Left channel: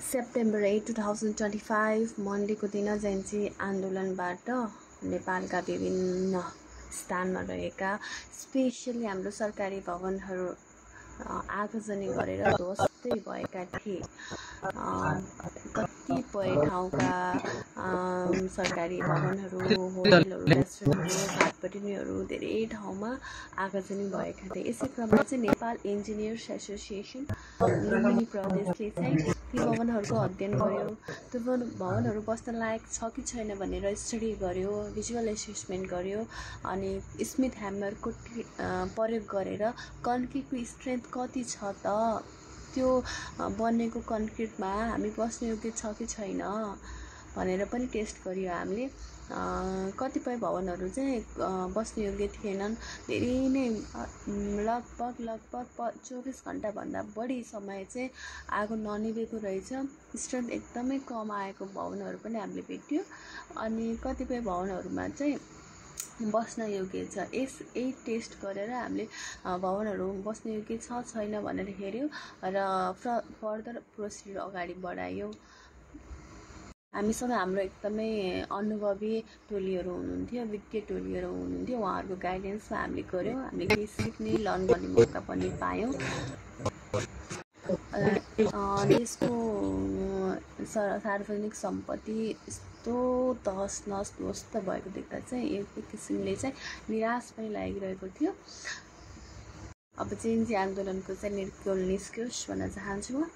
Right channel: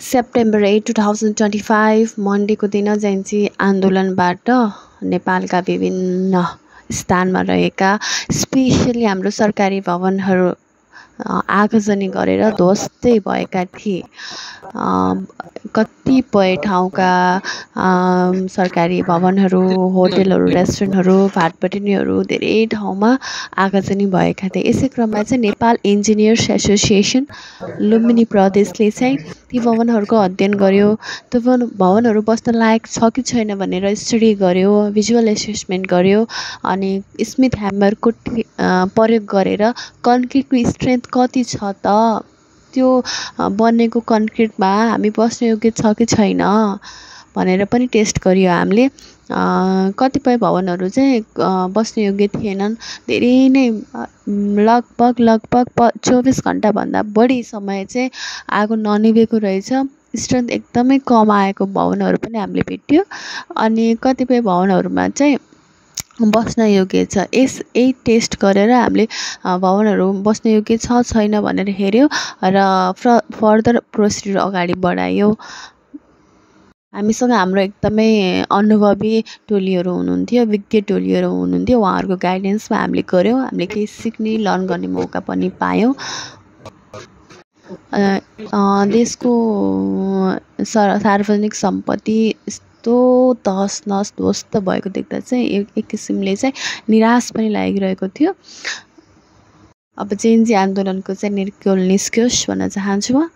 September 8, 2025 मन्डेको दिन जयन्ती आन्दोलनबाट नेपालका विभिन्न स्थानमा रहेका स्पेसली हाम्रो सरकारी भवनहरू आगजनी गरेर ध्वस्तै भएका थिए। कतिपय ठाउँका सरकारी भवनहरू, होटलहरू, रेस्टुरेन्टहरू, भाटबटिनीहरू धेरै ठाउँमा आगजनी भएका थिए। यसै क्रममा चाहिँ नेपाल इन्जिनियर्स एसोसिएसन लुम्बिनी प्रदेशले चाहिँ ती भवनहरूको अध्ययन गर्यो। त्यो भवनहरू बस्न लायक छ कि छैन भनेर स्टडी गर्यो, भिजुअल एसेसमेन्ट गर्यो, अनि स्मिथ ह्यामरको प्रयोग गरेर कन्क्रिटको स्ट्रेन्थ कति छ त, त्यो बनेको कन्क्रिटमा हामी बस्न योग्य छ कि छैन भनेर पनि टेस्ट गरियो हामीले। कतिपय भवनहरू चाहिँ बस्न योग्य थिएनन्। धेरै नै लगभग 24 घन्टाभन्दा बढी समय चाहिँ आगो ननिभेको रहेछ। स्ट्रेन्थ एकदमै कम आएको भवनहरू पनि हामीले भेट्यो। अनि कतिपय भवनहरूमा चाहिँ बस्न योग्य छ। यही टेस्ट गरेर हामीले भवनहरू बस्न योग्य छ छैन भनेर हेऱ्यो र फर्दर प्रोसिड्युर अगाडि बढायो। हामीसँग हाम्रो एकदमै अनुभवी टोलीहरू हुनुहुन्थ्यो, विज्ञ टोलीहरू हुनुहुन्थ्यो। उहाँहरूको गाइडेन्समा हामीले गऱ्यौँ। हामीले केही सिक्ने, लर्न गर्ने मौका पनि पायौँ। देशको सार्वजनिक सम्पत्ति यस्तो तहस नहस ध्वस्त भएको देख्दा चाहिँ एक किसिमले चाहिँ निराश पनि लागिरहेको थियो। अब जेएनजी आन्दोलनको चाहिँ निर्क्युल निस्कियोस् भन्न चाहन्छु म।